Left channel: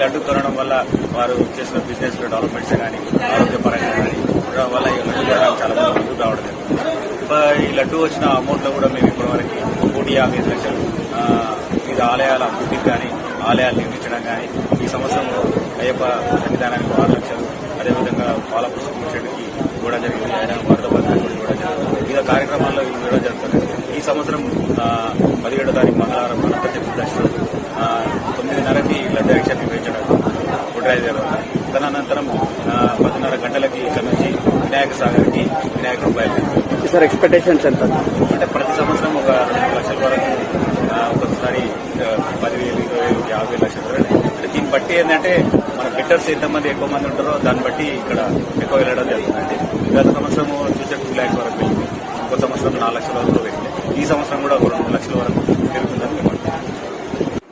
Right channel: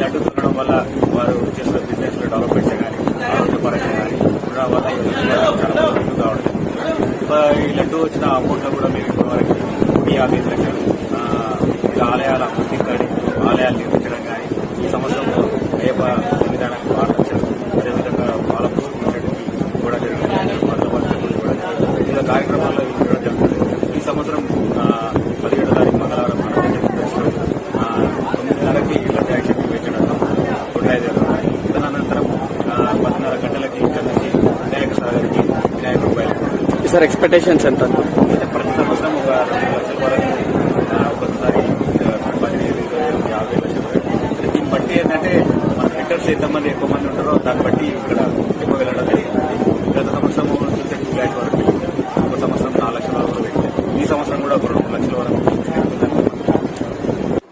లడ్డు కొనడం వల్ల వారు చేసిన బిజినెస్ లో డెవలప్మెంట్స్ కానీ ఆరోగ్యపరంగా కానీ ఉండడం వల్ల ఈ లడ్డు కొనడం చాలా ముందుకు రావడం జరిగింది. ఈ లడ్డు వచ్చిన అమౌంట్ లో కూడా మేము ఇప్పటివరకు 155 లక్షలు వివిధ ఆలయాల అభివృద్ధికి కానీ ఆలయాలు నిర్మించడం కానీ ఈ సంవత్సరం అయ్యప్ప సన్నిధానానికి 6 లక్షలు అదేవిధంగా బాలపుష్ప చెట్టుకి కూడా జరిగింది. ఆయన వరద బతుకు కూడా జరిగింది. వివిధ కార్యక్రమాల్లో ఉండడం జరుగుతుంది. ఈ సంవత్సరం 17వ తారీఖు మంగళవారం అనంత చతుర్దశి రోజు 9:30కి లడ్డు యాక్షన్ వేయించడం కొట్రాయిదేవి. తదనంతరం 10:30 గంటలకి ఇక్కడ నుంచి వినాయక సాగర్కి వినాయకుడు బయలుదేరారు. సార్ ఎక్స్పెక్టేషన్స్ ఎంత అంటే ప్రతి సంవత్సరం ఒక 2 లక్షల వరకు, ఒకసారి 10,000, 20,000, 50 లక్షల వరకు. అంటే దీన్ని బట్టి ఏంటంటే మన బిడ్డర్స్ ఎంతమంది ఎక్కువ మంది ఉంటారో దాన్ని బట్టి ఇక్కడ ఎక్కువ వెళ్ళడం జరుగుతుంది. గత సంవత్సరం చూసే 2 lakhs వరకు వెళ్ళింది. ఒక సంవత్సరం 4 లక్షల వరకు వెళ్ళింది. ఈ సంవత్సరం కూడా 2 లక్షల వరకు పెరుగుతుందని